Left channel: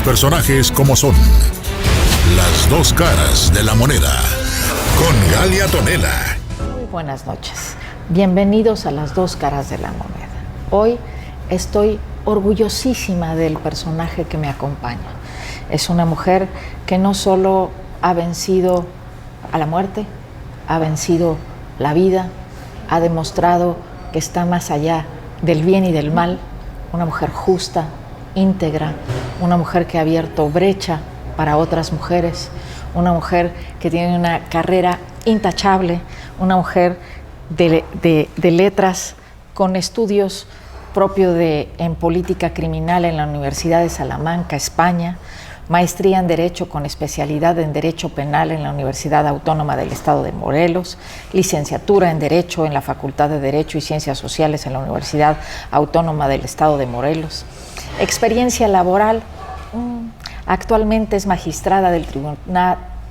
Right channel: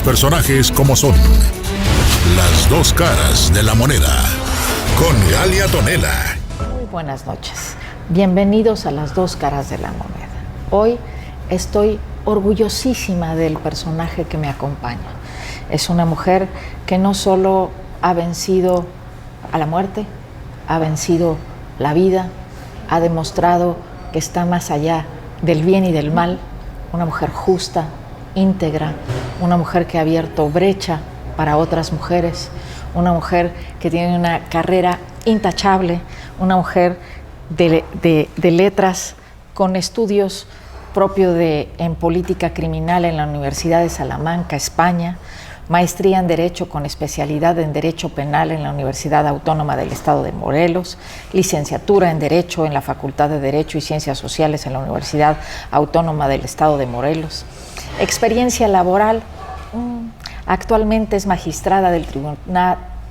los personajes como son. Las dos caras de la moneda. Con Galia Tonela. Muy buenas noches. Bienvenidos a Las dos caras de la moneda. Hoy estoy orgullosísima del personaje que me acompaña. Es una mujer que no solo ha vencido a la muerte, ha vencido la vida, ha demostrado que está más allá del bien y del mal. Una mujer justa, íntegra, una mujer que ha abierto brecha para otras mujeres, una mujer que tiene una carrera intachable, una mujer de letras con estudios propios en política criminal en la Universidad de Salamanca, España, maestría en Derecho con especialidad en Derecho Penal en la Universidad Autónoma del Estado de Morelos, licenciatura en Derecho en la Facultad de Derecho y Ciencias Sociales en la Universidad Autónoma del Estado de Morelos, experiencia laboral, actualmente es magistrada del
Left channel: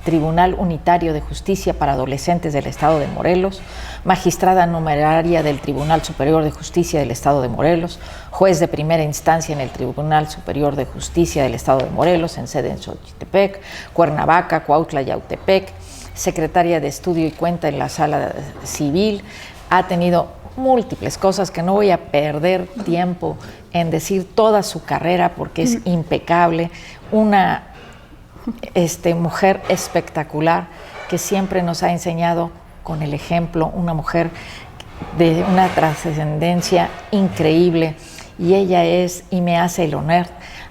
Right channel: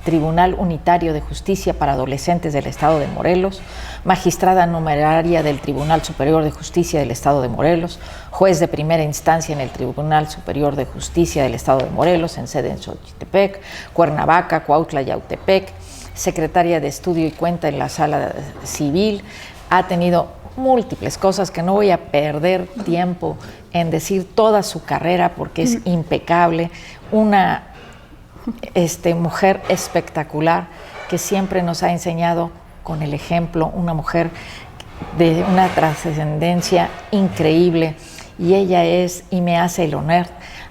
Tribunal Unitario de Justicia para Adolescentes del Estado de Morelos, magistrada numeraria del Tribunal Superior de Justicia del Estado de Morelos, juez de primera instancia en el Tribunal Superior de Justicia del Estado de Morelos, en sede en Xochitepec, Cuernavaca, Cuautla, Yautepec, secretaria de Estudio y Cuenta en la Sala Civil. Ha tenido múltiples cosas que no voy a perder tiempo en decir toda su carrera porque es impecable. Una mujer espectacular que siempre nos ha enseñado con el ejemplo, una mujer de una trascendencia increíble, y ella es, y me hace el honor,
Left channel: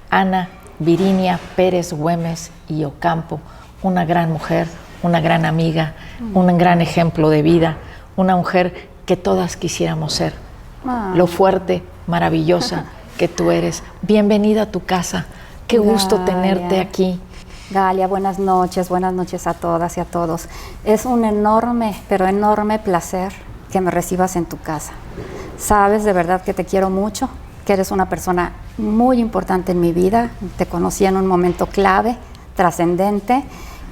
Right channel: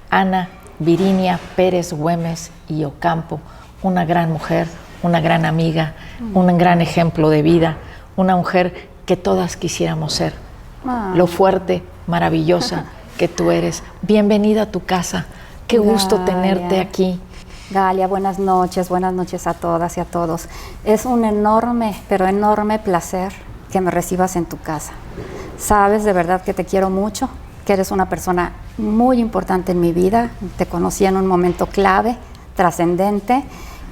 Ana Virinia Pérez Güemes y Ocampo, una gran mujer, una gran amiga, un gran ejemplo de vida, una mujer que todas quisiéramos ser, lo fuerte, maravillosa que tú eres. Bienvenida a tu casa, qué gusto tenerte aquí. Galia, buenas noches a todas y a todos. Es un enorme, pero enorme placer que me recibas en tu casa. Sabes de verdad que te quiero mucho, que eres una persona muy importante en mi vida. Te conocí en un momento clave, trascendente,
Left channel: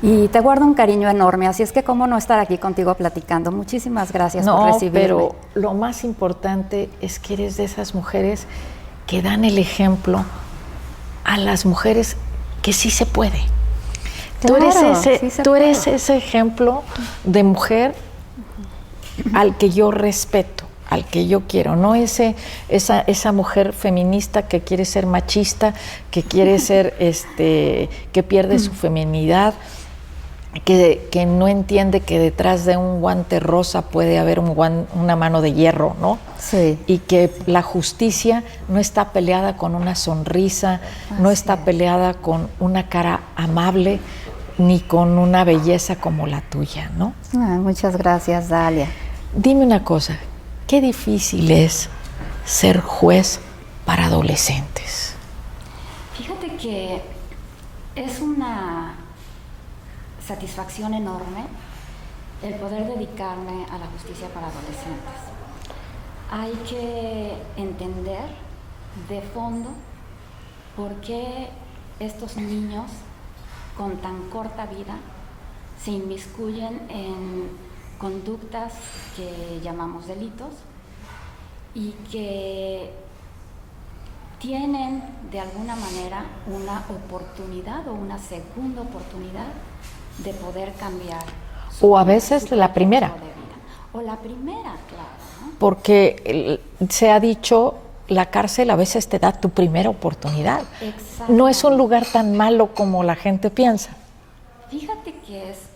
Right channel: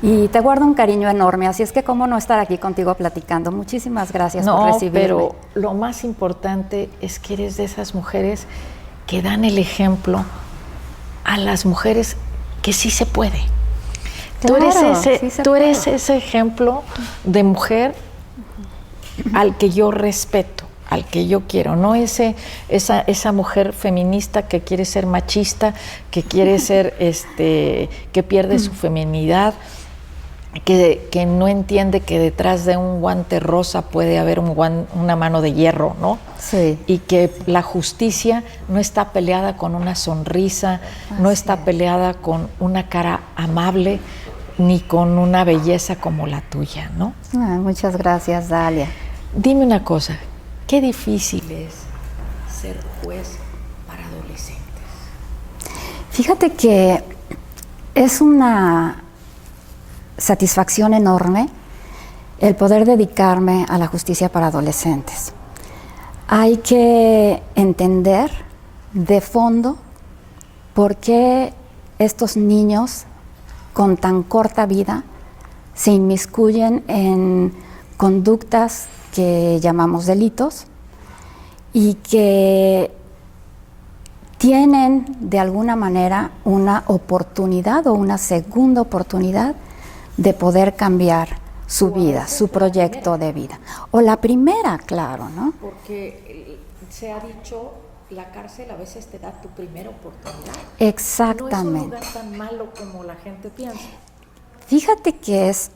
y te guardo un cariño enorme. Así es que cómo no estar aquí contigo platicando. Muchísimas gracias por recibirme. Pero lo más importante es que eres de esas mujeres que dan el ejemplo a las mujeres que sí se puede. Claro, tú eres ese ejemplo de mujer al que yo respeto, al que yo quiero, no esa mujer feminista que quiere ser machista, que quiere ser, que pierde su feminidad, que no entiende que detrás de un guante rosa puede haber una mano de hierro, ¿no? Sí. Y que la justicia no está peleada con una sonrisa, no está peleada con una cara amable, ni con una belleza como la tuya, ¿no? Muchas gracias, Dalia. Dime una cosa, ¿qué difícil es ser juez para adolescentes? Fíjate que es una satisfacción enorme el poder dedicarme a la justicia para adolescentes. Hay que entender de fondo por qué estos niños con tan corta vida se inmiscuyen en conductas que llamamos delitos y que tienen de alguna manera una oportunidad o una segunda oportunidad de poder cambiar su vida, su proyecto de vida. O la primera, claro, ¿no? Porque se ha dicho, la cárcel a veces te da tu primera oportunidad. Exactamente. No es un lugar tan malo como la gente piensa. Fíjate que es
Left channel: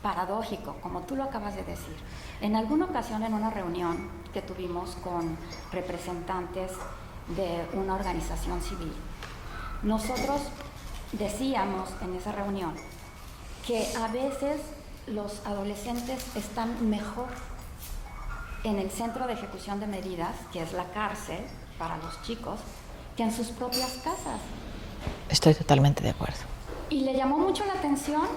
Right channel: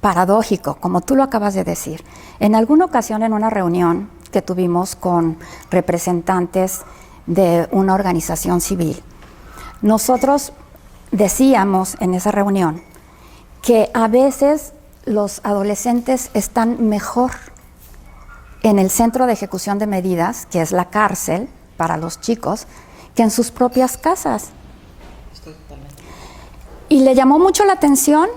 paradójico, como tú lo acabas de decir. En alguna ocasión, en una reunión que tuvimos con representantes de una organización civil, nosotros decíamos en esa reunión que a veces los adolescentes están mejor en el centro de ejecución de medidas, que es la cárcel para los chicos, que en sus propias casas. Estoy totalmente de acuerdo. Y le llamó mucho la atención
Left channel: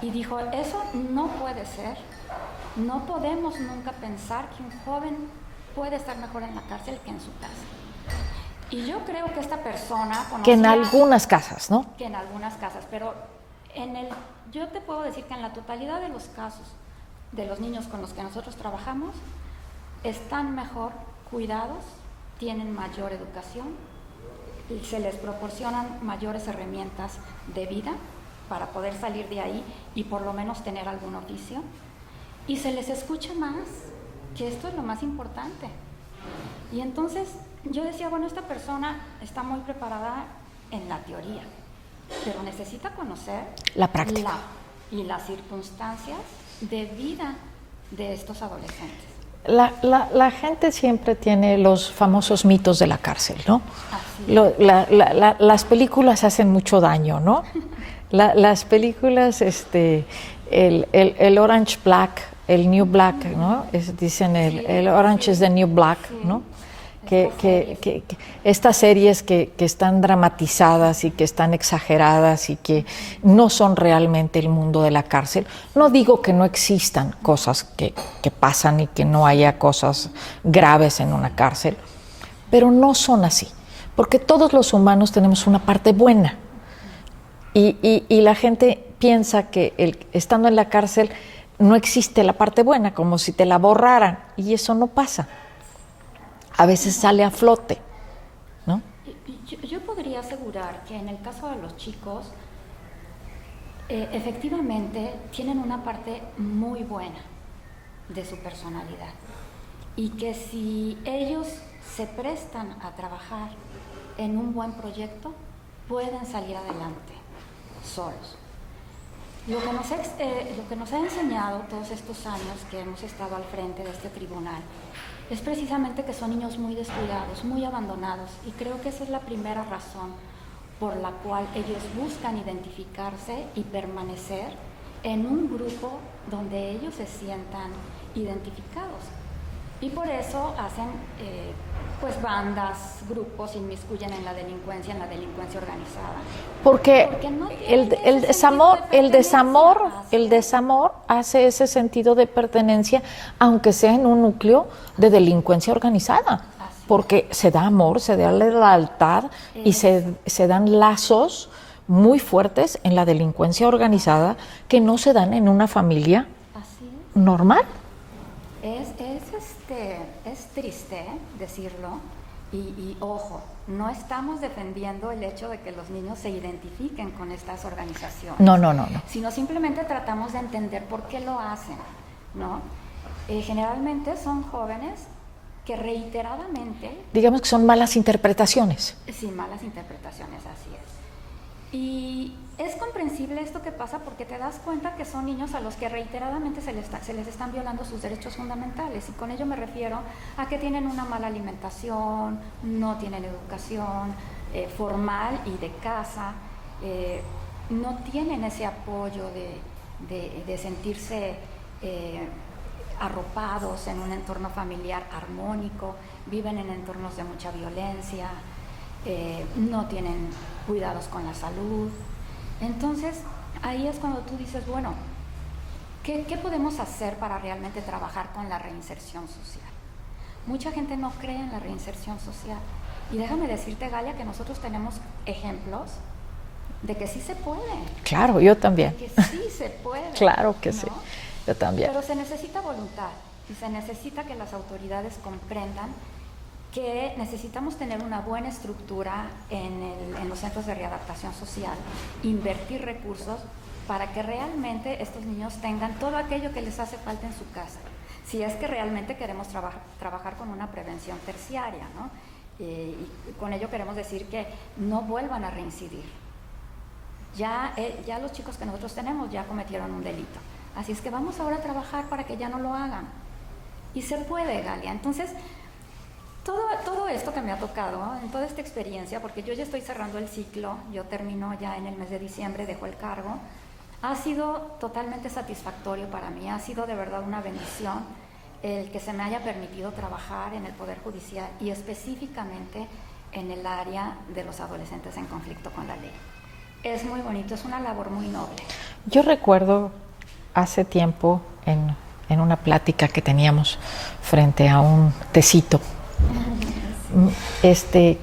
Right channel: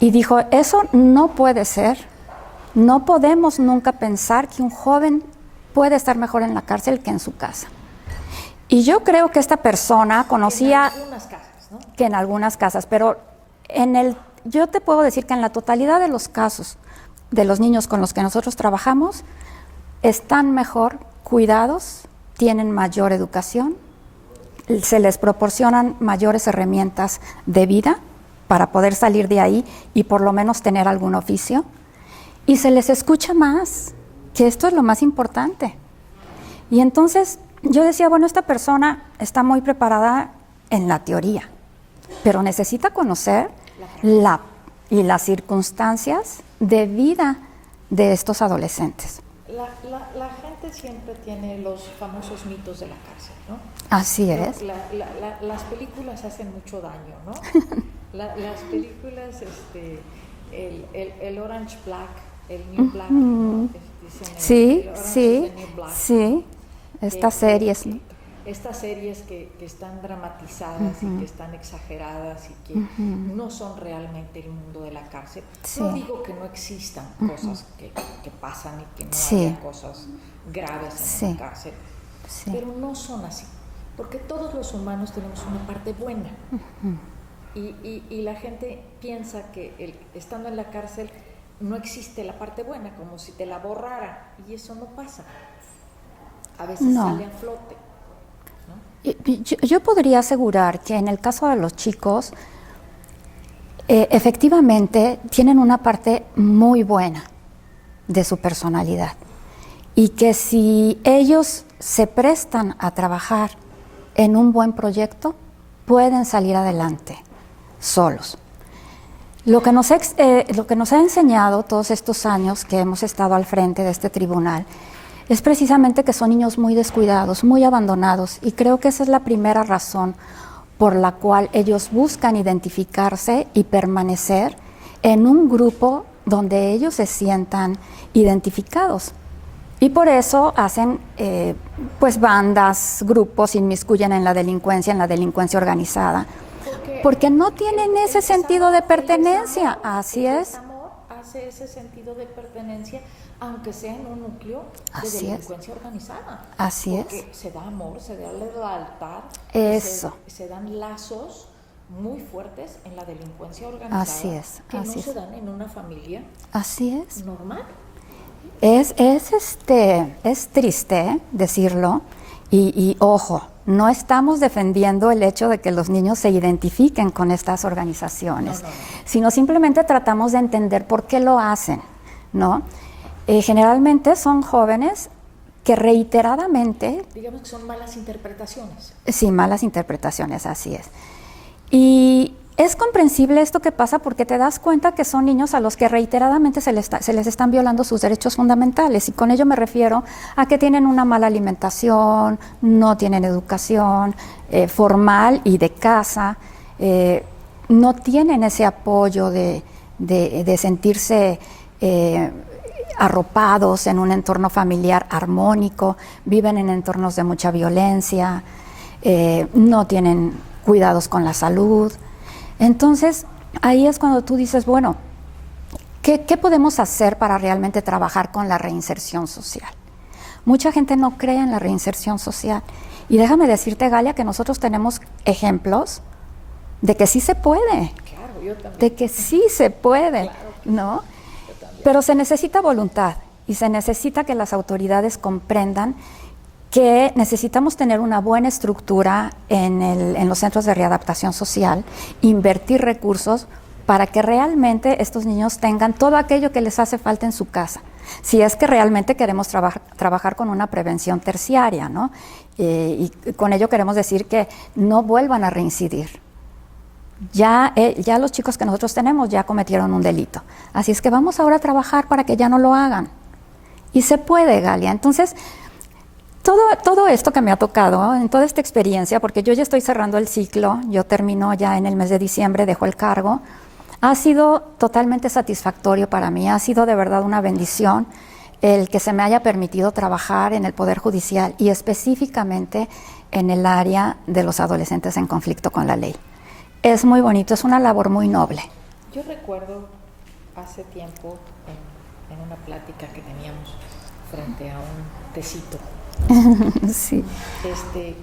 y dijo, eso no puede ser, no podemos nunca pensar que un joven puede estar mejor en la cárcel que en su casa. Y yo creo que esta persona conocía... Que en algunas casas, ¿no? Que en algunas casas, pero yo te puedo decir que en la totalidad de los casos de los niños con los que nosotros trabajamos, están mejor cuidados, tienen mayor educación se les proporcionan mayores herramientas de vida para poder salir de ahí y por lo menos tener algún oficio, y se les escucha más, que esto es lo más importante. Y entonces yo decía, bueno, esta persona está muy preparada en la teoría, pero necesita conocer La práctica. y las circunstancias de vida de estos adolescentes. La gente siempre tiene los famosos mitos de la cárcel, ¿no? Así es. Las películas hacen mucho daño, ¿no? Las películas, el Orange Black, el New Black, ¿no? Dicen el Orange is the New Black, ¿no? Estas series que están dramatizadas y que están exageradas y que no son realmente el mundo de la cárcel. Sí. No digo que no existan cosas que pasan y que no haya cosas graves en una cárcel, pero no son así, porque todos los humanos tenemos una parte buena y la gente piensa que estando en la cárcel no existe la parte buena, como si te la borraran, y eso no pasa. A veces sale a flote, ¿no? Yo podría asegurar que en el caso de los chicos, efectivamente tienen una parte muy buena de su personalidad y que si ellos se prestan a trabajar en un buen proyecto, pueden salir adelante solos. Lo que nos ha enseñado todos estos años que hemos estado al frente de este tribunal es precisamente que son niños muy descuidados, muy abandonados, y creo que esa es la primera razón por la cual ellos buscan identificarse y permanecer en un grupo donde ellos se sientan identificados. Y por eso hacen pues bandas, grupos, inmiscuyen en la delincuencia organizada. Porque no tienen ese sentido de pertenencia. El desamor hace ese sentido de pertenencia, aunque sea en un núcleo de delincuencia organizada. Porque se da amor, se da lealtad y se dan lazos muy fuertes en la delincuencia organizada que no se dan en una familia normal. Es triste decirlo y ojo, no estamos defendiendo el hecho de que los niños se identifiquen con estas organizaciones. No. Sino simplemente tratamos de entender por qué lo hacen, ¿no? Generalmente son jóvenes que reiteradamente... Digamos que son malas interpretaciones. Sí, malas interpretaciones, así es. Y es comprensible esto que pasa porque te das cuenta que son niños a los que reiteradamente se les están violando sus derechos fundamentales, y con ello me refiero a que tienen una mala alimentación, no tienen educación formal y de casa, no tienen ese apoyo de sentirse arropados en un entorno familiar armónico, viven en entornos de mucha violencia, no tienen cuidados con la salud. Entonces, ahí es cuando tú dices, bueno, ¿qué podemos hacer para realmente trabajar con la reinserción social? Mucha gente no cree en la reinserción social. Y déjame decirte, Galia, que nosotros tenemos ejemplos de que sí se puede. Claro, yo también. De que sí se puede. Claro que ¿no? sí, yo también. Pero se necesita voluntad y se necesita que las autoridades comprendan que necesitamos tener una buena estructura en los centros de readaptación social, invertir recursos para que realmente estos niños tengan todo aquello que les hace falta en su casa, si es que realmente queremos trabajar con una prevención terciaria, ¿no? Y con ello queremos decir que no vuelvan a reincidir. Ya los chicos que nosotros tenemos ya cometieron un delito, así es que vamos ahora a trabajar para que ya no lo hagan. Y se puede, Galia. Entonces, todo esto que me ha tocado, en toda esta experiencia, porque yo ya estoy cerrando el ciclo, yo termino ya en el mes de diciembre, dejo el cargo, ha sido totalmente satisfactorio para mí, ha sido de verdad una bendición el que se me haya permitido trabajar en el Poder Judicial y específicamente en el área de los adolescentes en conflicto con la ley. Es muy bonito, es una labor muy noble. Yo recuerdo hace tiempo en una plática que teníamos frente a un tecito, sí.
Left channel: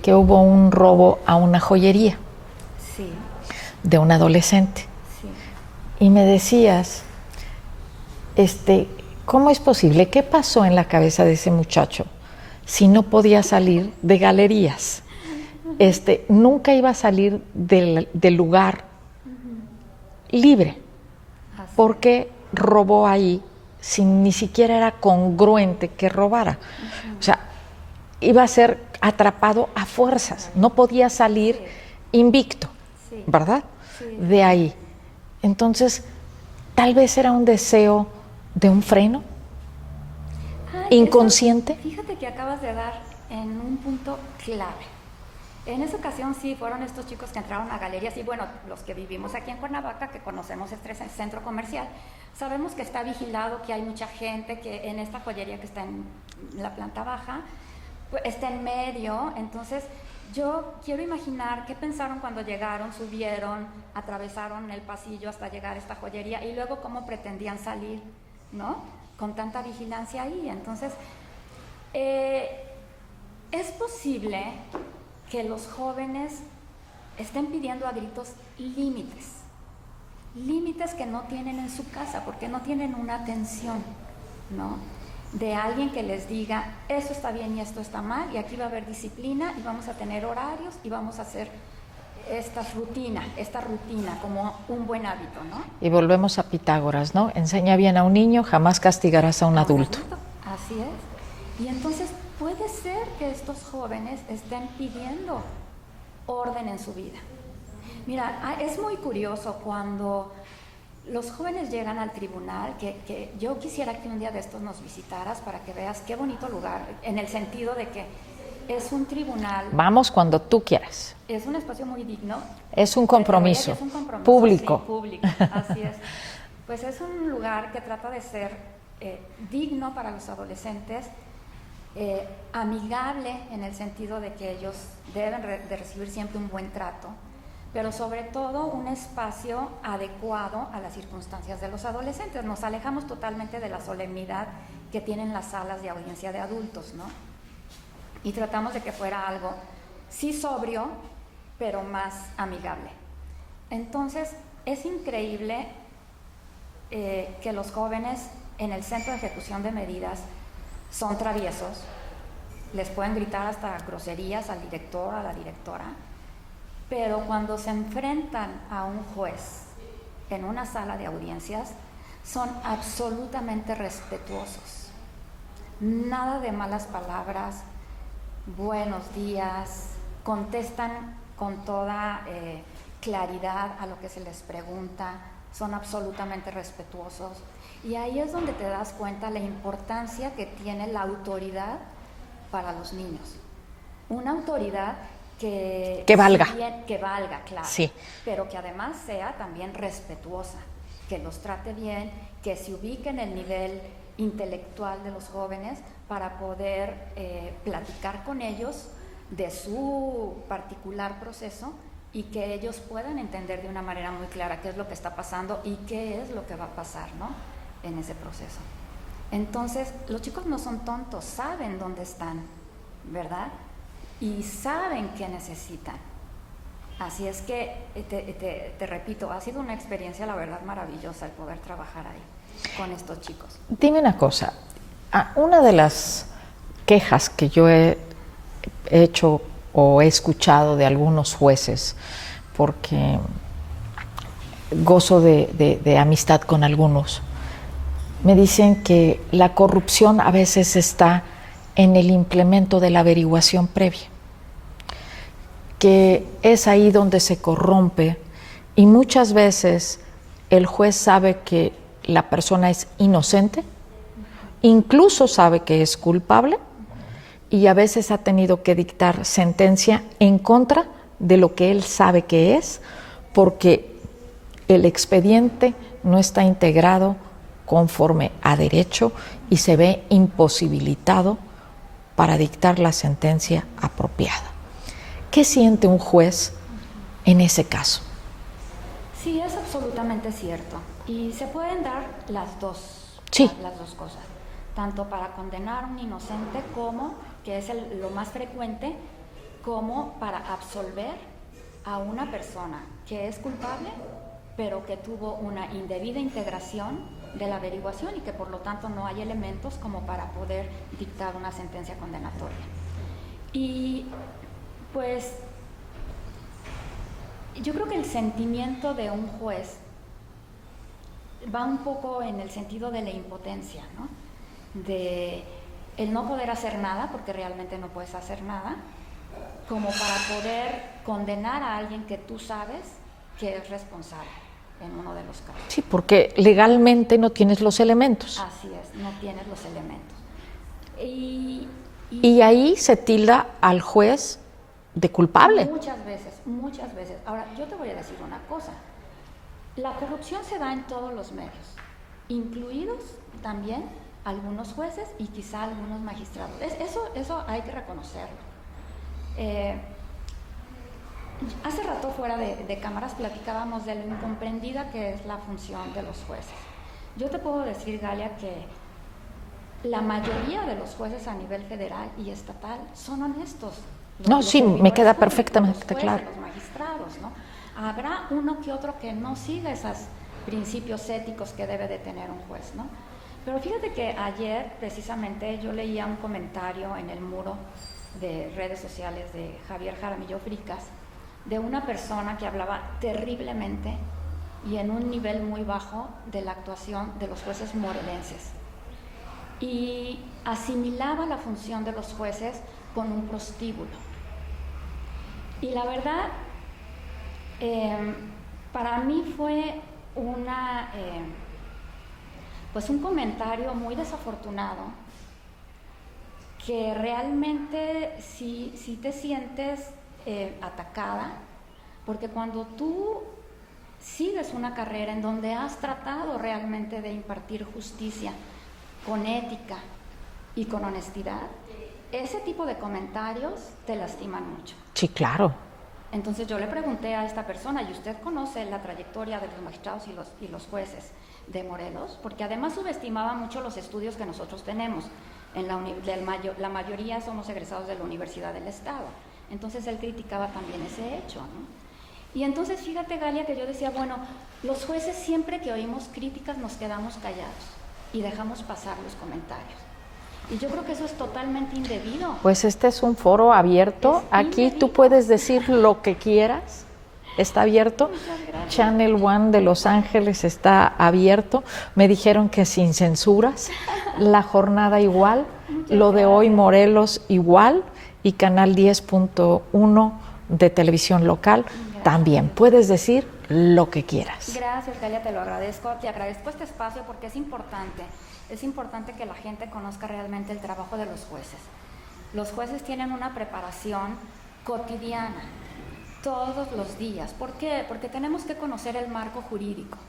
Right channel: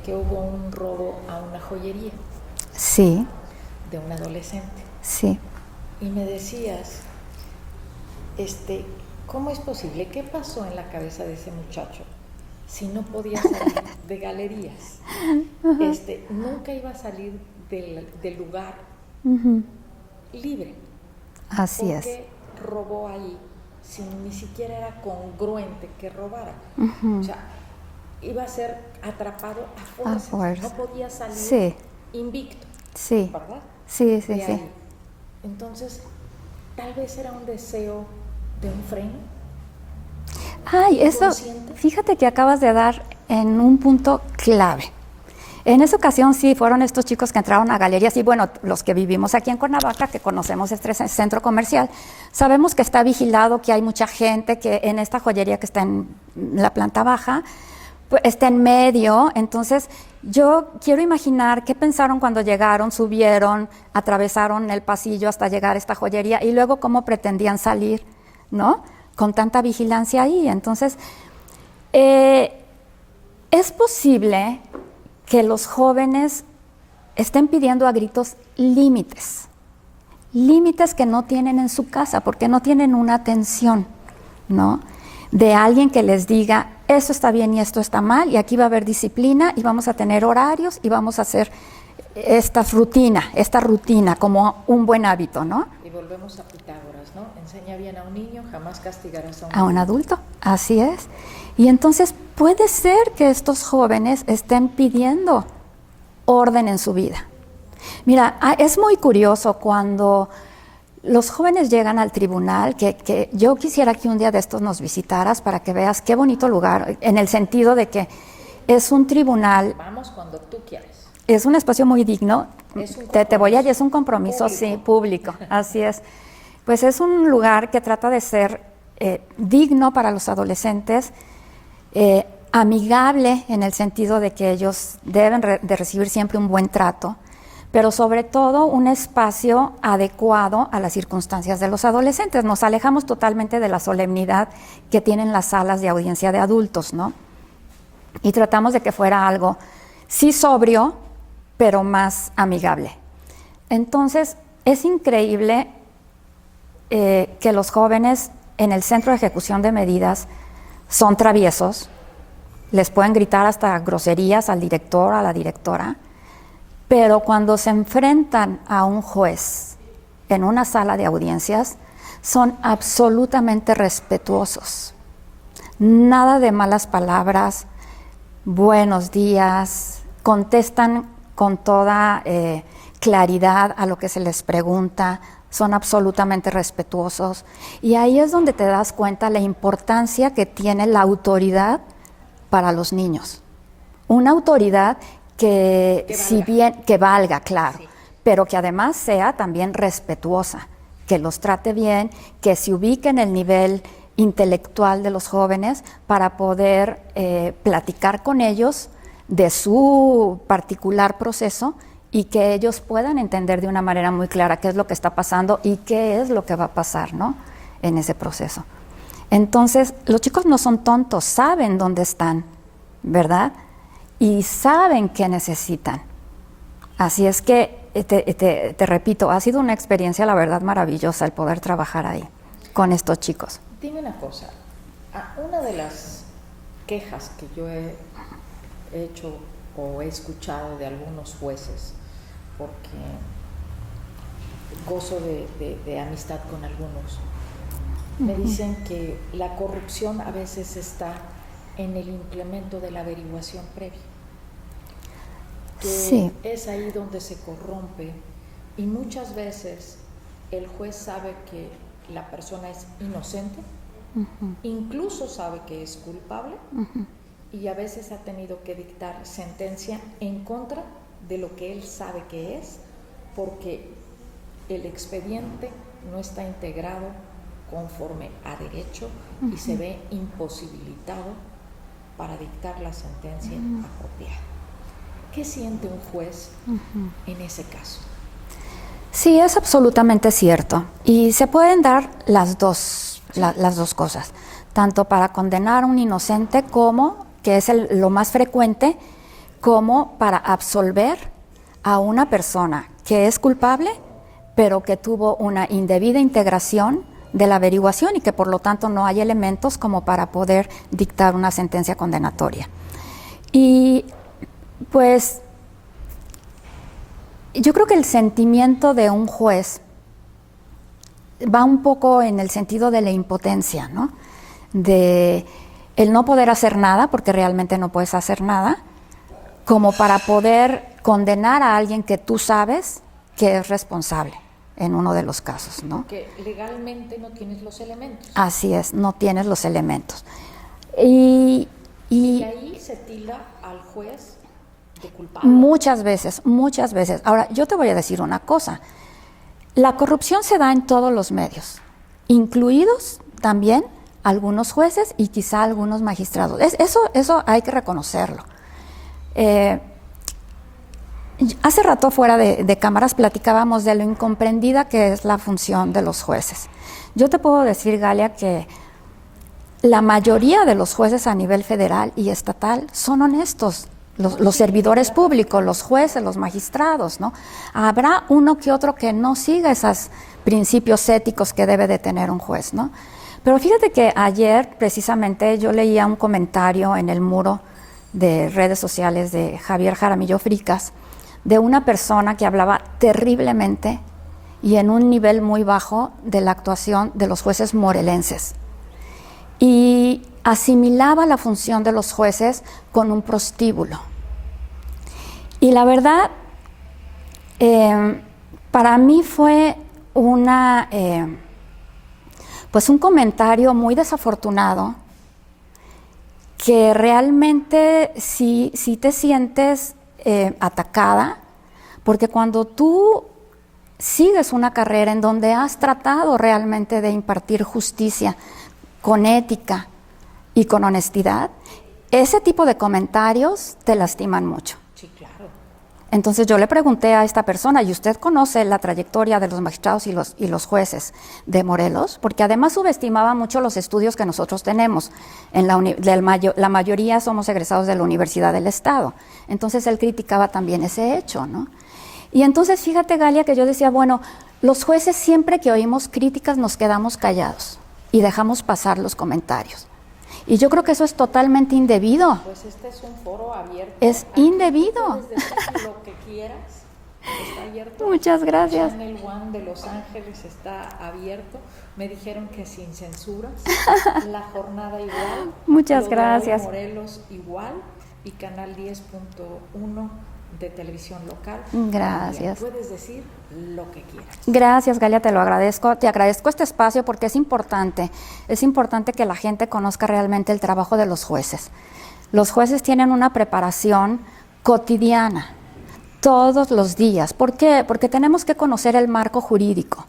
Que hubo un robo a una joyería. Sí. De un adolescente. Sí. Y me decías, ¿cómo es posible? ¿Qué pasó en la cabeza de ese muchacho si no podía salir de galerías? nunca iba a salir del lugar libre. Así porque robó ahí sin ni siquiera era congruente que robara. O sea, iba a ser atrapado a fuerzas. No podía salir invicto, ¿verdad? Sí, de ahí. Entonces, tal vez era un deseo de un freno inconsciente. Eso, fíjate que acabas de dar en un punto clave. En esa ocasión sí fueron estos chicos que entraron a galerías y bueno, los que vivimos aquí en Cuernavaca, que conocemos este centro comercial, sabemos que está vigilado, que hay mucha gente, que en esta joyería que está en la planta baja, pues, está en medio. Entonces yo quiero imaginar qué pensaron cuando llegaron, subieron, atravesaron el pasillo hasta llegar a esta joyería y luego cómo pretendían salir, ¿no? Con tanta vigilancia ahí. Entonces, es posible que los jóvenes estén pidiendo a gritos límites, límites que no tienen en su casa, porque no tienen una atención, ¿no? De alguien que les diga, esto está bien y esto está mal, y aquí va a haber disciplina, y vamos a tener horarios, y vamos a hacer esta rutina como un buen hábito, ¿no? Y volvemos a Pitágoras, ¿no? Enseña bien a un niño, jamás castigarás a un adulto. A un adulto, así es. Y entonces puede ser que estos jóvenes estén pidiendo orden en su vida. Mira, es muy curioso cuando los jóvenes llegan al tribunal, que yo quisiera que un día de estos nos visitaras para que veas qué bonito lugar, en el sentido de que es un tribunal. Vamos cuando tú quieras. Es un espacio muy digno. Es un compromiso. Te voy a decir, es un compromiso público. Sí, público, así es. Pues es un lugar que trata de ser digno para los adolescentes, amigable en el sentido de que ellos deben de recibir siempre un buen trato, pero sobre todo un espacio adecuado a las circunstancias de los adolescentes. Nos alejamos totalmente de la solemnidad que tienen las salas de audiencia de adultos, ¿no? Y tratamos de que fuera algo, sí sobrio, pero más amigable. Entonces, es increíble que los jóvenes en el centro de ejecución de medidas son traviesos, les pueden gritar hasta groserías al director, a la directora, pero cuando se enfrentan a un juez en una sala de audiencias, son absolutamente respetuosos. Nada de malas palabras, buenos días, contestan con toda claridad a lo que se les pregunta, son absolutamente respetuosos. Y ahí es donde te das cuenta la importancia que tiene la autoridad para los niños. Una autoridad que valga. Si bien, que valga, claro, sí, pero que además sea también respetuosa, que los trate bien, que se ubique en el nivel intelectual de los jóvenes para poder platicar con ellos de su particular proceso y que ellos puedan entender de una manera muy clara qué es lo que está pasando y qué es lo que va a pasar, ¿no? En ese proceso. Entonces, los chicos no son tontos, saben dónde están, ¿verdad? Y saben qué necesitan. Así es que, te repito, ha sido una experiencia, la verdad, maravillosa el poder trabajar ahí con estos chicos. Dime una cosa, una de las quejas que yo he hecho o he escuchado de algunos jueces, porque gozo de amistad con algunos, me dicen que la corrupción a veces está en el implemento de la averiguación previa, que sí, es ahí donde se corrompe y muchas veces el juez sabe que la persona es inocente, incluso sabe que es culpable, y a veces ha tenido que dictar sentencia en contra de lo que él sabe que es, porque el expediente no está integrado conforme a derecho y se ve imposibilitado para dictar la sentencia apropiada. ¿Qué siente un juez en ese caso? Sí, es absolutamente cierto. Y se pueden dar las dos, sí, las dos cosas, tanto para condenar a un inocente como, que es lo más frecuente, como para absolver a una persona que es culpable, pero que tuvo una indebida integración de la averiguación y que por lo tanto no hay elementos como para poder dictar una sentencia condenatoria. Y pues Yo creo que el sentimiento de un juez va un poco en el sentido de la impotencia, ¿no? De el no poder hacer nada, porque realmente no puedes hacer nada, como para poder condenar a alguien que tú sabes que es responsable en uno de los casos. Sí, ¿no? porque legalmente no tienes los elementos. Así es, no tienes los elementos. Y ahí se tilda al juez de culpable. Muchas veces, muchas veces. Ahora, yo te voy a decir una cosa. La corrupción se da en todos los medios, incluidos también algunos jueces y quizá algunos magistrados. Eso hay que reconocerlo. Hace rato fuera de cámaras platicábamos de lo incomprendida que es la función de los jueces. Yo te puedo decir, Galia, que la mayoría de los jueces a nivel federal y estatal son honestos. Los servidores públicos, los jueces, claro, los magistrados, ¿no? Habrá uno que otro que no siga esos principios éticos que debe de tener un juez, ¿no? Pero fíjate que ayer precisamente yo leía un comentario en el muro de redes sociales de Javier Jaramillo Fricas, de una persona que hablaba terriblemente y en un nivel muy bajo de la actuación de los jueces morelenses. Y asimilaba la función de los jueces con un prostíbulo. Y la verdad, para mí fue pues un comentario muy desafortunado, que realmente sí te sientes atacada, porque cuando tú sigues una carrera en donde has tratado realmente de impartir justicia con ética y con honestidad, ese tipo de comentarios te lastiman mucho. Sí, claro. Entonces yo le pregunté a esta persona, ¿y usted conoce la trayectoria de los magistrados y los jueces de Morelos? Porque además subestimaba mucho los estudios que nosotros tenemos. La mayoría somos egresados de la Universidad del Estado. Entonces él criticaba también ese hecho, ¿no? Y entonces fíjate, Galia, que yo decía, bueno, los jueces siempre que oímos críticas nos quedamos callados y dejamos pasar los comentarios. Y yo creo que eso es totalmente indebido. Pues este es un foro abierto. Es Aquí indebido. Tú puedes decir lo que quieras. Está abierto. Muchas gracias. Channel One de Los Ángeles está abierto. Me dijeron que sin censuras. La jornada igual. Muchas lo gracias. de hoy Morelos igual. Y Canal 10.1 de televisión local. Gracias. También puedes decir lo que quieras. Gracias, Galia, te lo agradezco. Te agradezco este espacio porque es importante. Es importante que la gente conozca realmente el trabajo de los jueces. Los jueces tienen una preparación cotidiana, todos los días. ¿Por qué? Porque tenemos que conocer el marco jurídico.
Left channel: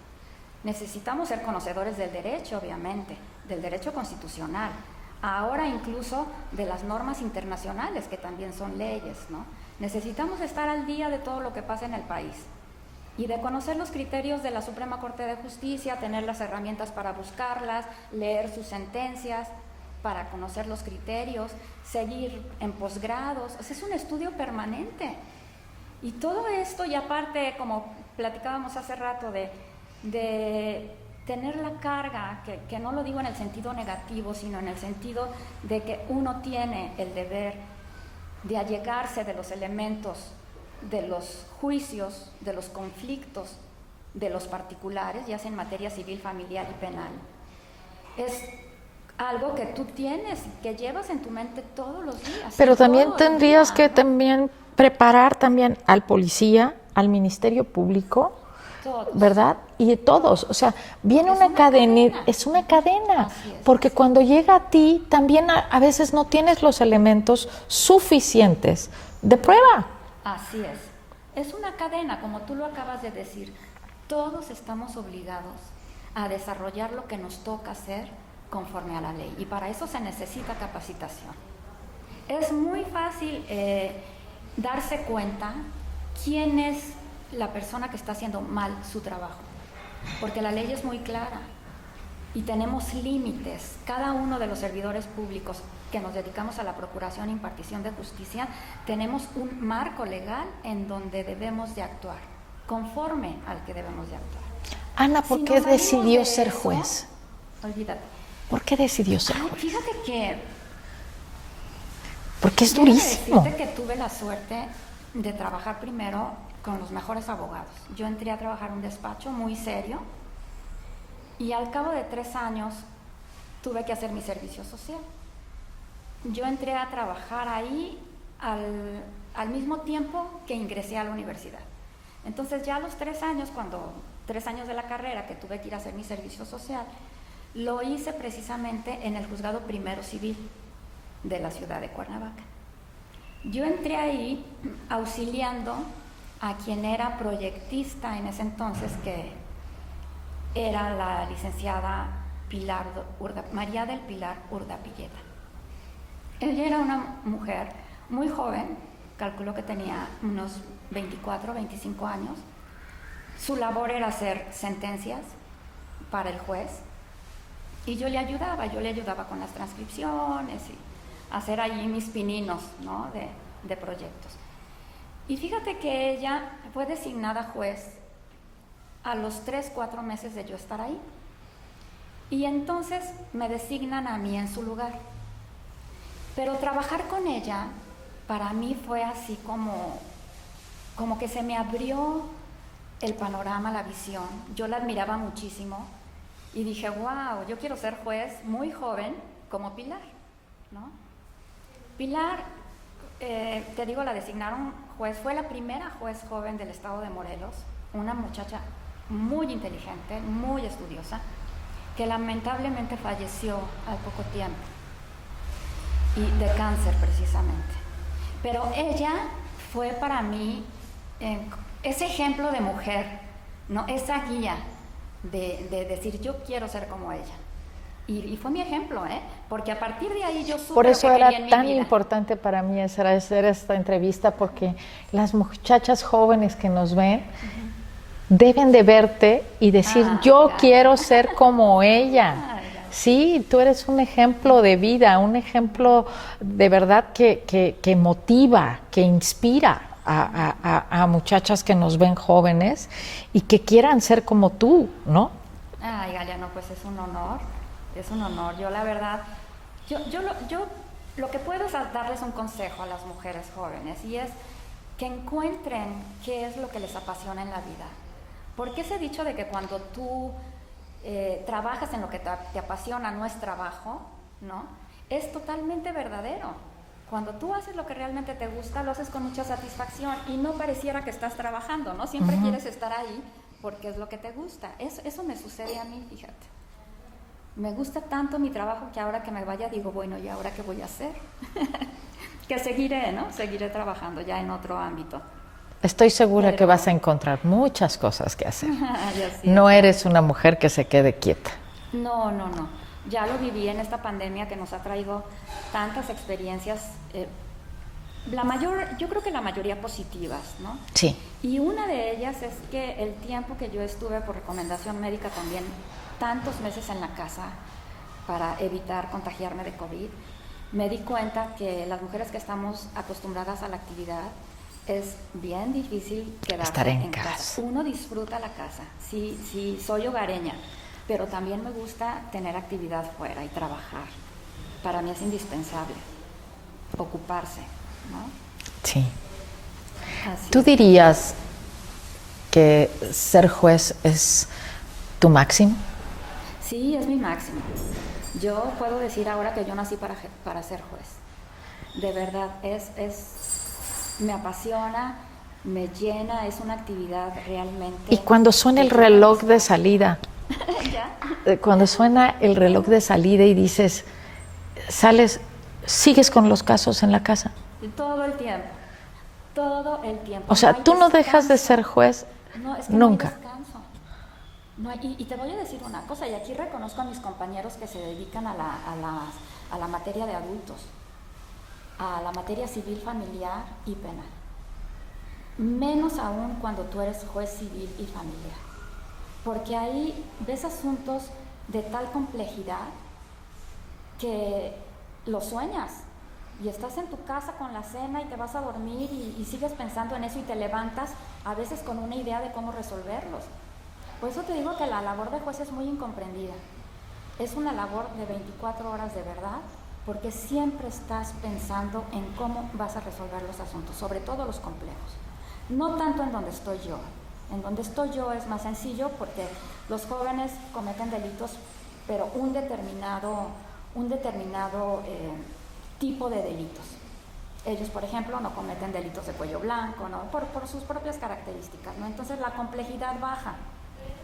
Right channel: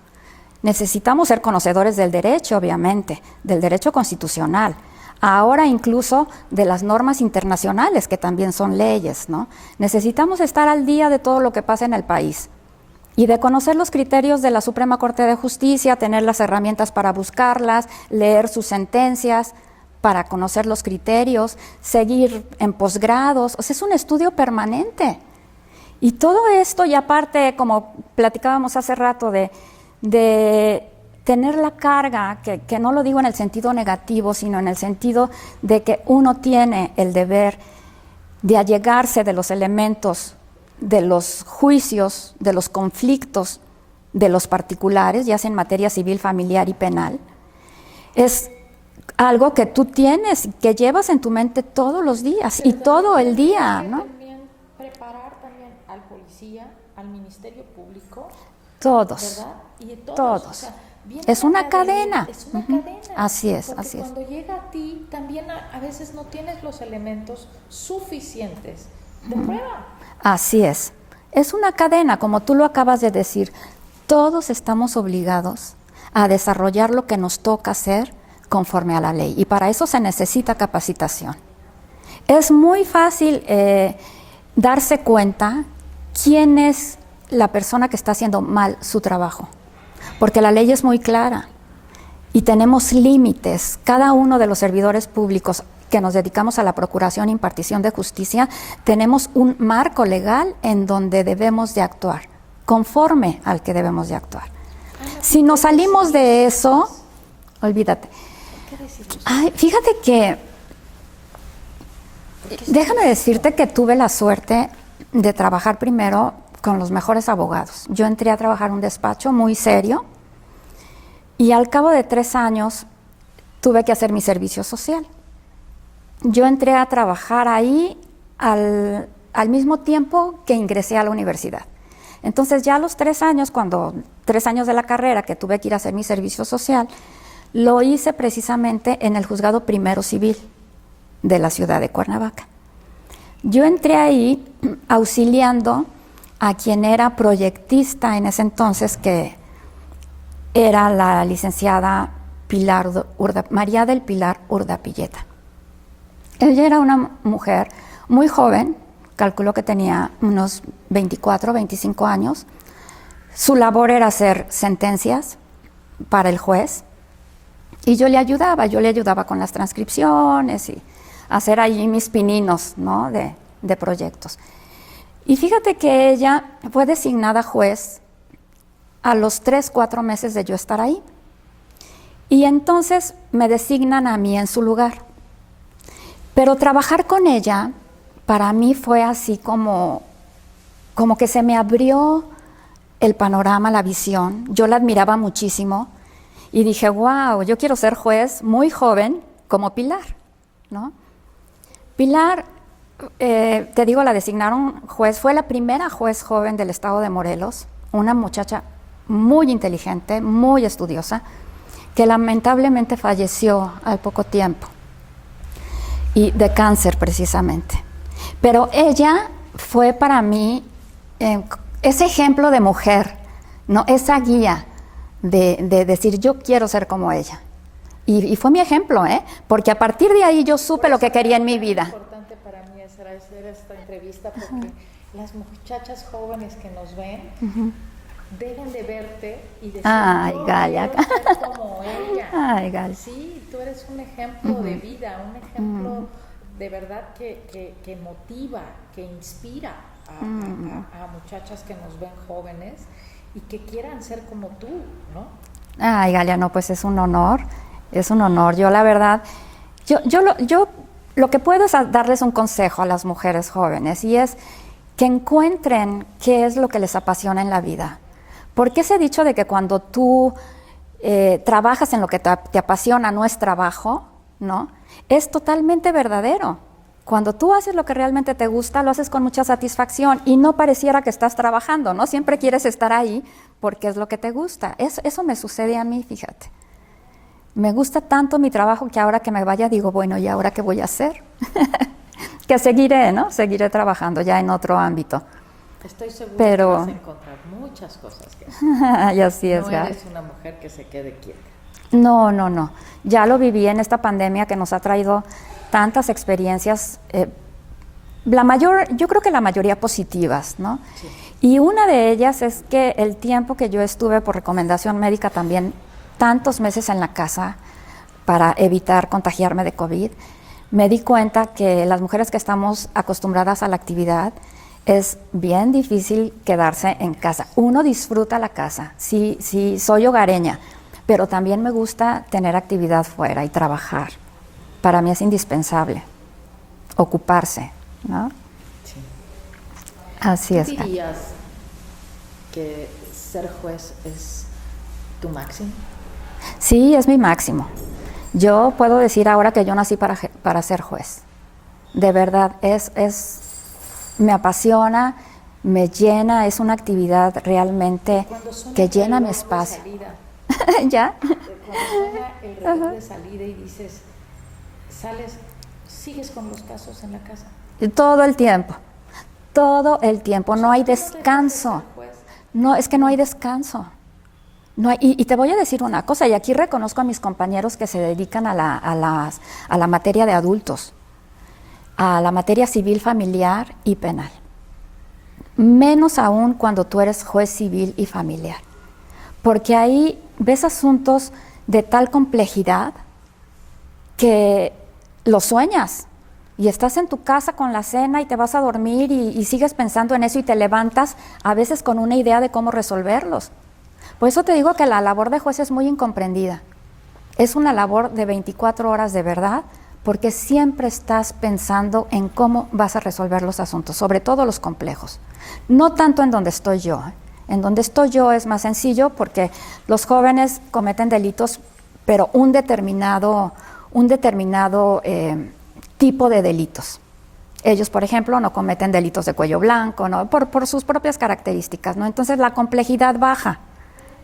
Necesitamos ser conocedores del derecho, obviamente, del derecho constitucional. Ahora incluso de las normas internacionales, que también son leyes, ¿no? Necesitamos estar al día de todo lo que pasa en el país y de conocer los criterios de la Suprema Corte de Justicia, tener las herramientas para buscarlas, leer sus sentencias, para conocer los criterios, seguir en posgrados. O sea, es un estudio permanente. Y todo esto, y aparte, como platicábamos hace rato, de tener la carga, que no lo digo en el sentido negativo, sino en el sentido de que uno tiene el deber de allegarse de los elementos, de los juicios, de los conflictos de los particulares, ya sea en materia civil, familiar y penal, es algo que tú tienes, que llevas en tu mente todos los días. Pero y también todo el tendrías día, que ¿no? también preparar también al policía, al Ministerio Público, Todos. ¿verdad? Y todos. O sea, viene Es una cadena. Es una cadena. Así es. Porque así cuando llega a ti, también a veces no tienes los elementos suficientes de prueba. Así es. Es una cadena, como tú lo acabas de decir. Todos estamos obligados a desarrollar lo que nos toca hacer conforme a la ley. Y para eso se necesita capacitación. Es muy fácil darse cuenta quién es la persona que está haciendo mal su trabajo, porque la ley es muy clara y tenemos límites. Cada uno de los servidores públicos que nos dedicamos a la procuración e impartición de justicia, tenemos un marco legal en donde debemos de actuar, conforme al que debemos de actuar. Ana, ¿por si qué nos salimos decidió de ser eso, juez? olvídate. ¿Por qué decidió ser? Ay, fíjate que, Porque es déjame durísimo. decirte que tuve la suerte de trabajar primero con los mejores abogados. Yo entré a trabajar en un despacho muy serio y al cabo de 3 años tuve que hacer mi servicio social. Yo entré a trabajar ahí al mismo tiempo que ingresé a la universidad. Entonces ya a los 3 años, 3 años de la carrera que tuve que ir a hacer mi servicio social, lo hice precisamente en el Juzgado Primero Civil de la ciudad de Cuernavaca. Yo entré ahí auxiliando a quien era proyectista en ese entonces, que era la licenciada María del Pilar Urdapilleta. Ella era una mujer muy joven, calculo que tenía unos 24, 25 años. Su labor era hacer sentencias para el juez y yo le ayudaba con las transcripciones y hacer ahí mis pininos, ¿no?, de proyectos. Y fíjate que ella fue designada juez a los 3, 4 meses de yo estar ahí. Y entonces me designan a mí en su lugar. Pero trabajar con ella para mí fue así como que se me abrió el panorama, la visión. Yo la admiraba muchísimo y dije, wow, yo quiero ser juez muy joven como Pilar, ¿no? Pilar, te digo, la designaron juez, fue la primera juez joven del estado de Morelos, una muchacha muy inteligente, muy estudiosa, que lamentablemente falleció al poco tiempo, y de cáncer precisamente. Pero ella fue para mí ese ejemplo de mujer, ¿no?, esa guía de decir, yo quiero ser como ella. Y fue mi ejemplo, porque a partir de ahí yo supe lo que quería en mi vida. Es importante para mí hacer esta entrevista porque las muchachas jóvenes que nos ven deben de verte y decir, yo Galia, quiero ser como ella. Ay, Galia. Sí, tú eres un ejemplo de vida, un ejemplo de verdad que motiva, que inspira a muchachas que nos ven jóvenes y que quieran ser como tú, ¿no? Ay, Galia, no, pues es un honor. Es un honor. Yo la verdad, yo lo que puedo es darles un consejo a las mujeres jóvenes, y es que encuentren qué es lo que les apasiona en la vida. Porque ese dicho de que cuando tú trabajas en lo que te apasiona no es trabajo, ¿no?, es totalmente verdadero. Cuando tú haces lo que realmente te gusta, lo haces con mucha satisfacción y no pareciera que estás trabajando, ¿no? Siempre quieres estar ahí porque es lo que te gusta. Eso me sucede a mí, fíjate. Me gusta tanto mi trabajo que ahora que me vaya digo, bueno, ¿y ahora qué voy a hacer? Que seguiré, ¿no? Seguiré trabajando ya en otro ámbito. Estoy segura que vas a encontrar muchas cosas que hacer. Y así es, no eres una mujer que se quede quieta. No. Ya lo viví en esta pandemia que nos ha traído tantas experiencias, yo creo que la mayoría positivas, ¿no? Sí. Y una de ellas es que el tiempo que yo estuve por recomendación médica también, tantos meses en la casa para evitar contagiarme de COVID, me di cuenta que las mujeres que estamos acostumbradas a la actividad es bien difícil quedarse en casa. Uno disfruta la casa, sí, soy hogareña, pero también me gusta tener actividad fuera y trabajar. Para mí es indispensable ocuparse, ¿no? Sí. Así ¿Tú es. dirías que ser juez es tu máximo? Sí, es mi máximo. Yo puedo decir ahora que yo nací para ser juez. De verdad, me apasiona, me llena, es una actividad realmente. Y cuando suena el que llena mi reloj de espacio. salida, ¿Ya? cuando suena el reloj de salida y dices, sales, ¿sigues con los casos en la casa? Todo el tiempo. O sea, no hay tú descanso. no dejas de ser juez. No, es que no hay nunca. descanso. No hay, y te voy a decir una cosa, y aquí reconozco a mis compañeros que se dedican a la materia de adultos, a la materia civil, familiar y penal. Menos aún cuando tú eres juez civil y familiar. Porque ahí ves asuntos de tal complejidad que los sueñas. Y estás en tu casa con la cena y te vas a dormir y sigues pensando en eso y te levantas a veces con una idea de cómo resolverlos. Por eso te digo que la labor de juez es muy incomprendida. Es una labor de 24 horas de verdad, porque siempre estás pensando en cómo vas a resolver los asuntos, sobre todo los complejos. No tanto en donde estoy yo. En donde estoy yo es más sencillo porque los jóvenes cometen delitos, pero un determinado tipo de delitos. Ellos, por ejemplo, no cometen delitos de cuello blanco, ¿no? por sus propias características, ¿no? Entonces la complejidad baja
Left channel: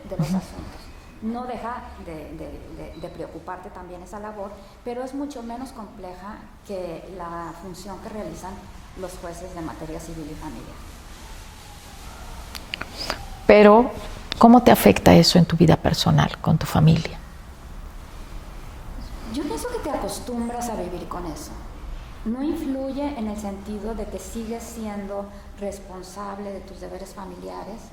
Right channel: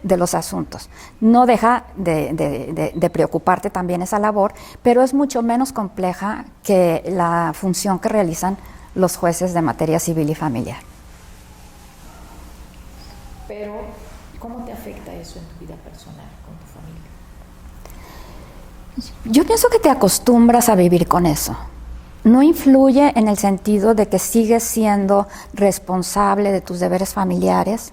de los asuntos. No deja de preocuparte también esa labor, pero es mucho menos compleja que la función que realizan los jueces de materia civil y familiar. Pero, ¿cómo te afecta eso en tu vida personal, con tu familia? Yo pienso que te acostumbras a vivir con eso. No influye en el sentido de que sigues siendo responsable de tus deberes familiares,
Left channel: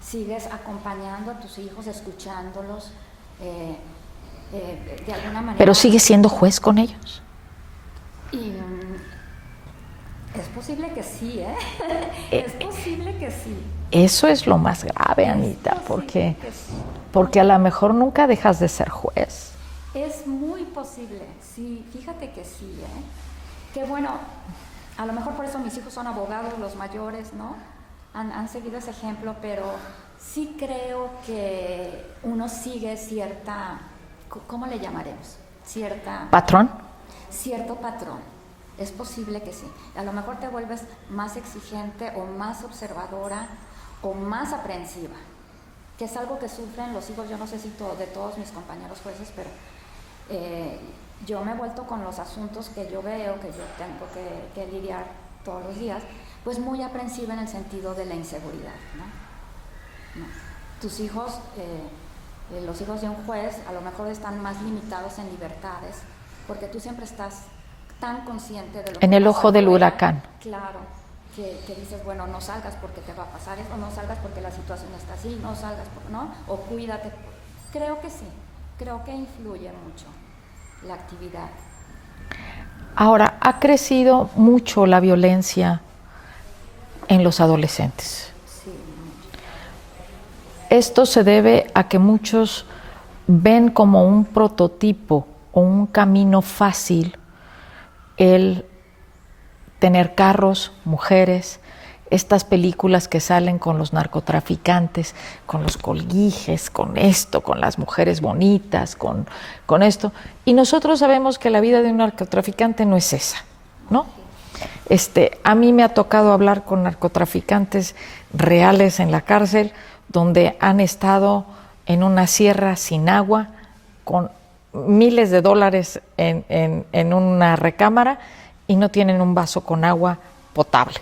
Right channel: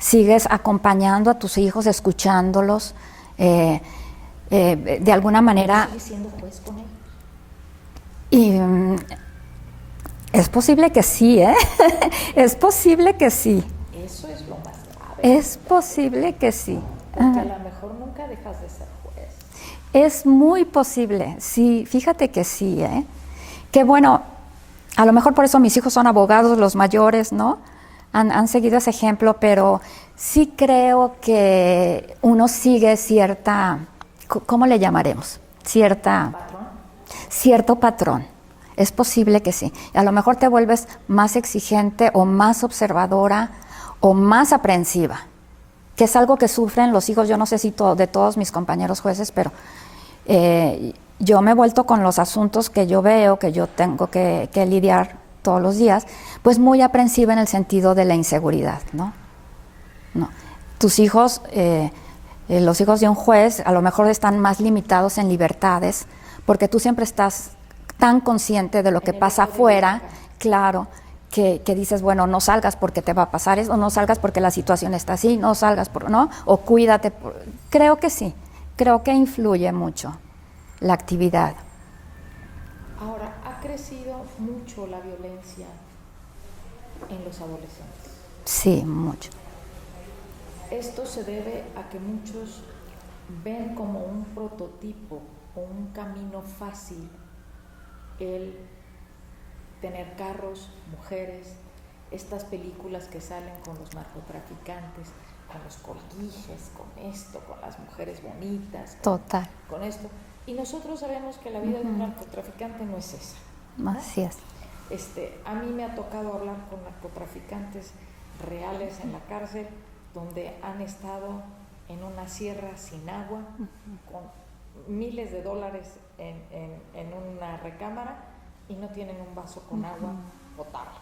sigues acompañando a tus hijos, escuchándolos, de alguna manera. ¿Pero sigues siendo juez con ellos? Y es posible que sí, ¿eh? Es posible que sí. Eso es lo más grave, Es Anita, posible que sí. Porque a lo mejor nunca dejas de ser juez. Es muy posible, sí, fíjate que sí, ¿eh? Que bueno, a lo mejor por eso mis hijos son abogados, los mayores, ¿no? Han seguido ese ejemplo, pero sí creo que uno sigue cierta, ¿cómo le llamaremos? ¿Patrón? Cierto patrón. Es posible que sí. A lo mejor te vuelves más exigente o más observadora o más aprensiva, que es algo que sufren los hijos, yo no sé si de todos mis compañeros jueces, pero yo me he vuelto con los asuntos que yo veo, que yo tengo que lidiar todos los días, pues muy aprensiva en el sentido de la inseguridad, ¿no? Tus hijos, los hijos de un juez, a lo mejor están más limitados en libertades, porque tú siempre estás tan consciente de lo que pasa afuera. En el ojo del huracán. Claro, que dices, bueno, no salgas porque te va a pasar eso, no salgas porque la situación está así, no salgas, ¿no? O cuídate. Creo que sí, creo que influye mucho la actividad. Ahora, ha crecido mucho la violencia en los adolescentes. Sí, mucho. Esto se debe a que muchos ven como un prototipo o un camino fácil el tener carros, mujeres, estas películas que salen con los narcotraficantes, con los colguijes, con esto, con las mujeres bonitas, con esto. Y nosotros sabemos que la vida de un narcotraficante no es esa, ¿no? Así es. A mí me ha tocado hablar con narcotraficantes reales en la cárcel, donde han estado en una sierra sin agua, con miles de dólares en una recámara y no tienen un vaso con agua potable,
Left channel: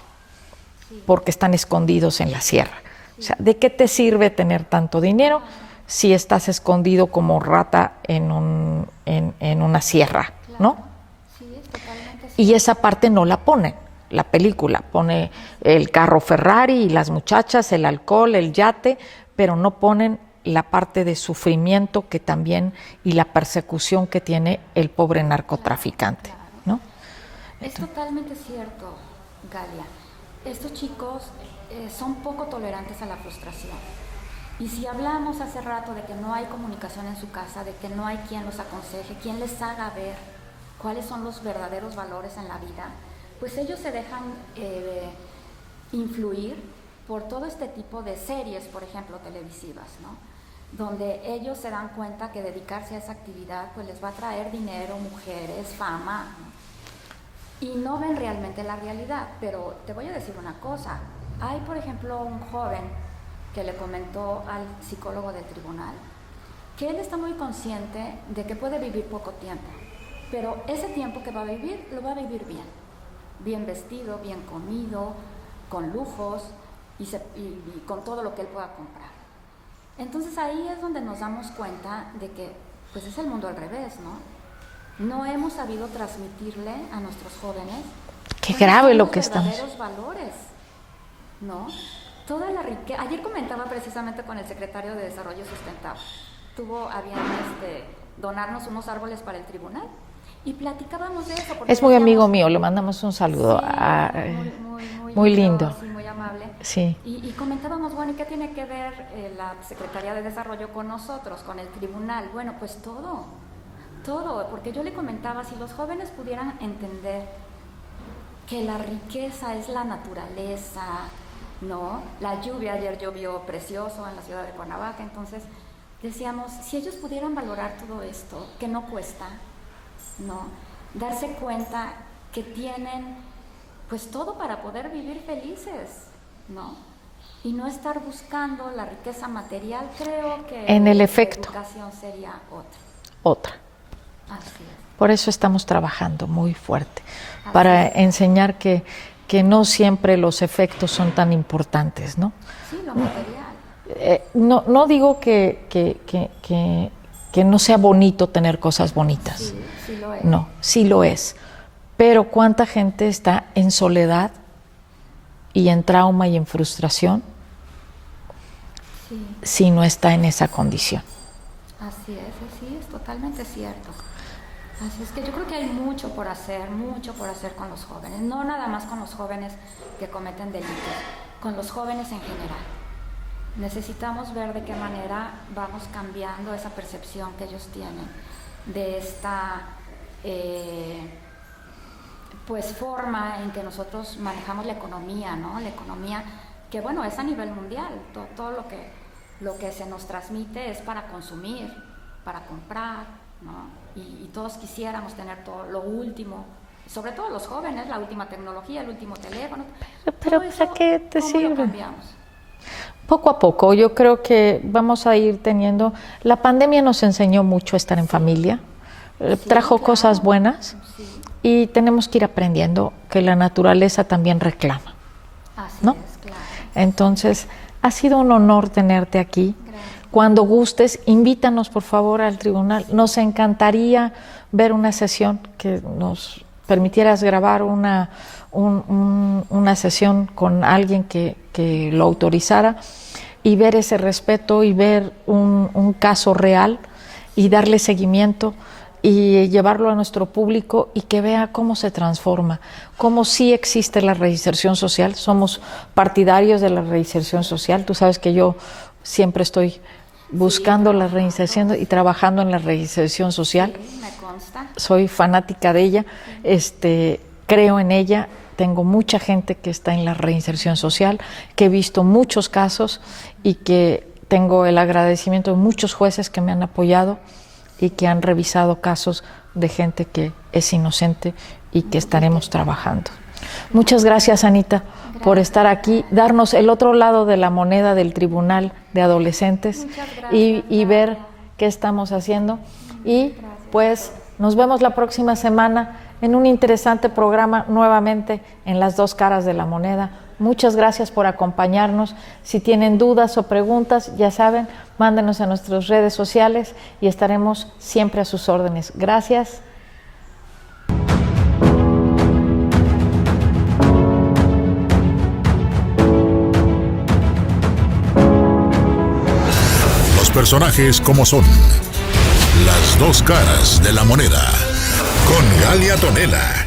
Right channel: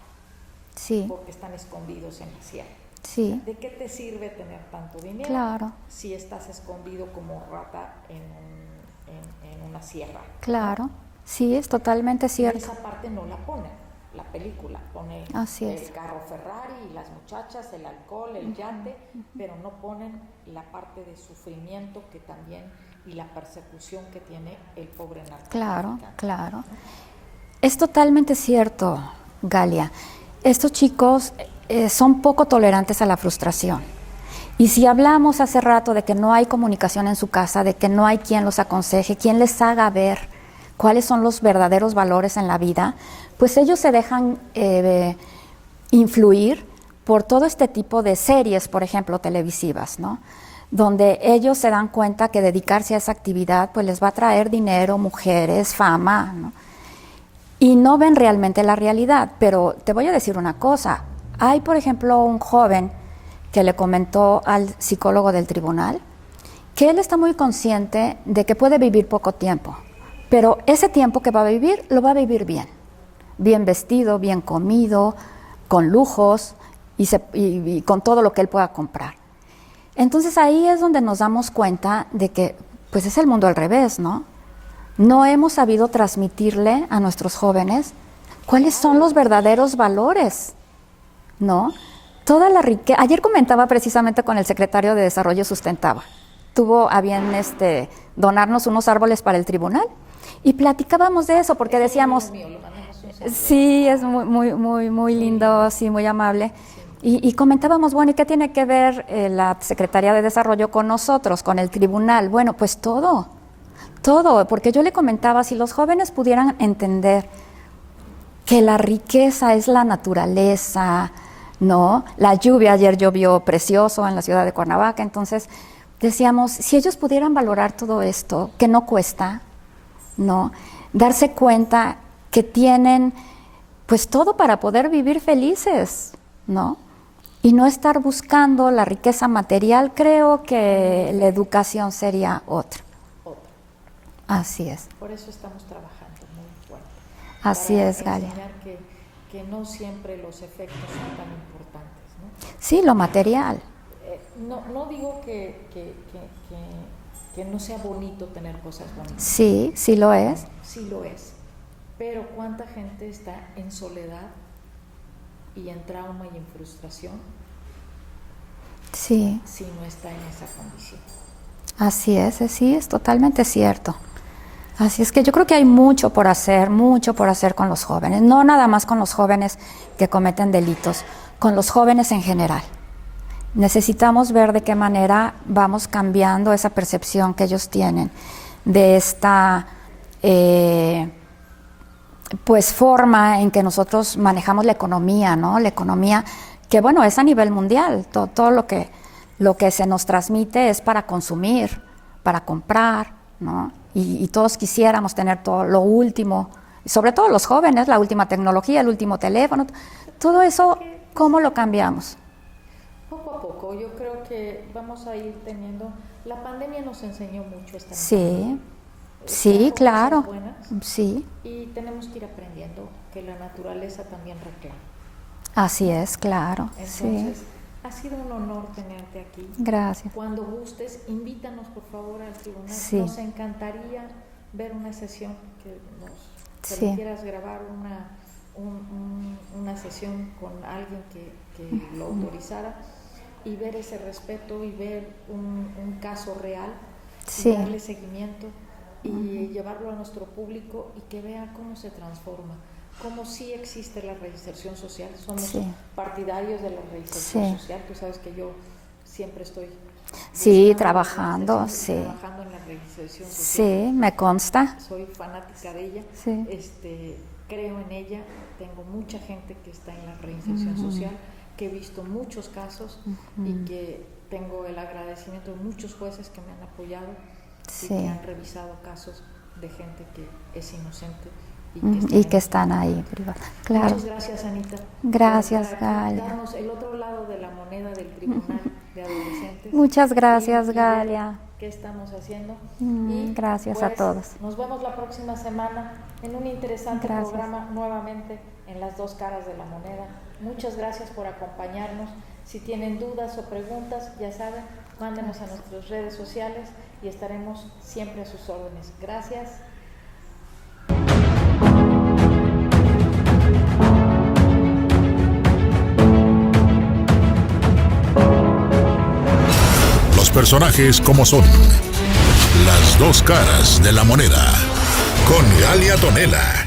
sí, porque están escondidos en la sierra. Sí. O sea, ¿de qué te sirve tener tanto dinero si estás escondido como rata en una sierra? Claro, ¿no? Sí, es totalmente cierto. Y esa parte no la ponen. La película pone el carro Ferrari y las muchachas, el alcohol, el yate, pero no ponen la parte de sufrimiento que también y la persecución que tiene el pobre narcotraficante. Claro. ¿No? Es totalmente cierto, Galia. Estos chicos son poco tolerantes a la frustración. Y si hablamos hace rato de que no hay comunicación en su casa, de que no hay quien los aconseje, quien les haga ver cuáles son los verdaderos valores en la vida, pues ellos se dejan influir por todo este tipo de series, por ejemplo, televisivas, ¿no? Donde ellos se dan cuenta que dedicarse a esa actividad pues les va a traer dinero, mujeres, fama, ¿no? Y no ven realmente la realidad. Pero te voy a decir una cosa, hay por ejemplo un joven que le comentó al psicólogo del tribunal que él está muy consciente de que puede vivir poco tiempo, pero ese tiempo que va a vivir, lo va a vivir bien vestido, bien comido, con lujos y con todo lo que él pueda comprar. Entonces ahí es donde nos damos cuenta de que pues es el mundo al revés, ¿no? No hemos sabido transmitirle a nuestros jóvenes cuáles son los verdaderos valores, ¿no? Toda la riqueza. Ayer comentaba precisamente con el secretario de Desarrollo Sustentable. Tuvo a bien donarnos unos árboles para el tribunal y platicábamos de eso porque es muy amigo mío, le mandamos un saludo. Sí, es muy lindo, sí, muy amable. Sí. Y comentábamos, bueno, ¿y qué tiene que ver la Secretaría de Desarrollo con nosotros, con el tribunal? Bueno, pues todo Todo, porque yo le comentaba, si los jóvenes pudieran entender que la riqueza es la naturaleza, ¿no? La lluvia, ayer llovió precioso en la ciudad de Cuernavaca, entonces decíamos, si ellos pudieran valorar todo esto, que no cuesta, ¿no? Darse cuenta que tienen pues todo para poder vivir felices, ¿no? Y no estar buscando la riqueza material, creo que En el la efecto. educación sería otra. Otra. Así es. Por eso estamos trabajando muy fuerte, Así para es, Galia. enseñar que no siempre los efectos son tan importantes, ¿no? Sí, lo material. No digo que no sea bonito tener cosas bonitas. Sí, sí lo es. No, sí lo es. Pero cuánta gente está en soledad y en trauma y en frustración Sí, si no está en esa condición. así es, sí, es totalmente cierto. Así es que yo creo que hay mucho por hacer con los jóvenes, no nada más con los jóvenes que cometen delitos, con los jóvenes en general. Necesitamos ver de qué manera vamos cambiando esa percepción que ellos tienen de esta pues forma en que nosotros manejamos la economía, ¿no? La economía que bueno es a nivel mundial, todo lo que se nos transmite es para consumir, para comprar, ¿no? Y todos quisiéramos tener todo lo último, sobre todo los jóvenes, la última tecnología, el último teléfono, todo eso, ¿cómo lo cambiamos? Poco a poco, yo creo que vamos a ir teniendo... La pandemia nos enseñó mucho a estar en familia, Sí, trajo claro. cosas buenas Sí, y tenemos que ir aprendiendo que la naturaleza también reclama. así ¿no? es, claro. Entonces, sí. ha sido un honor tenerte aquí. Gracias. Cuando gustes, invítanos por favor al tribunal. Sí. Nos encantaría ver una sesión que nos permitieras grabar una sesión con alguien que lo autorizara y ver ese respeto y ver un caso real y darle seguimiento y llevarlo a nuestro público y que vea cómo se transforma, cómo sí existe la reinserción social. Somos partidarios de la reinserción social. Tú sabes que yo siempre estoy buscando la reinserción y trabajando en la reinserción social. Sí, me consta. Soy fanática de ella, creo en ella. Tengo mucha gente que está en la reinserción social, que he visto muchos casos y que tengo el agradecimiento de muchos jueces que me han apoyado y que han revisado casos de gente que es inocente y que estaremos trabajando. Claro. Muchas gracias, Anita, por estar aquí, Galia. darnos el otro lado de la moneda del Tribunal de Adolescentes. Muchas gracias, y ver Galia. qué estamos haciendo. Y gracias pues a todos. nos vemos la próxima semana en un interesante programa nuevamente en Las Dos Caras de la Moneda. Muchas gracias por acompañarnos. Si tienen dudas o preguntas, ya saben, mándenos a nuestras redes sociales y estaremos siempre a sus órdenes. Gracias. Los personajes como son. Las dos caras de la moneda. Con Galia Tonela.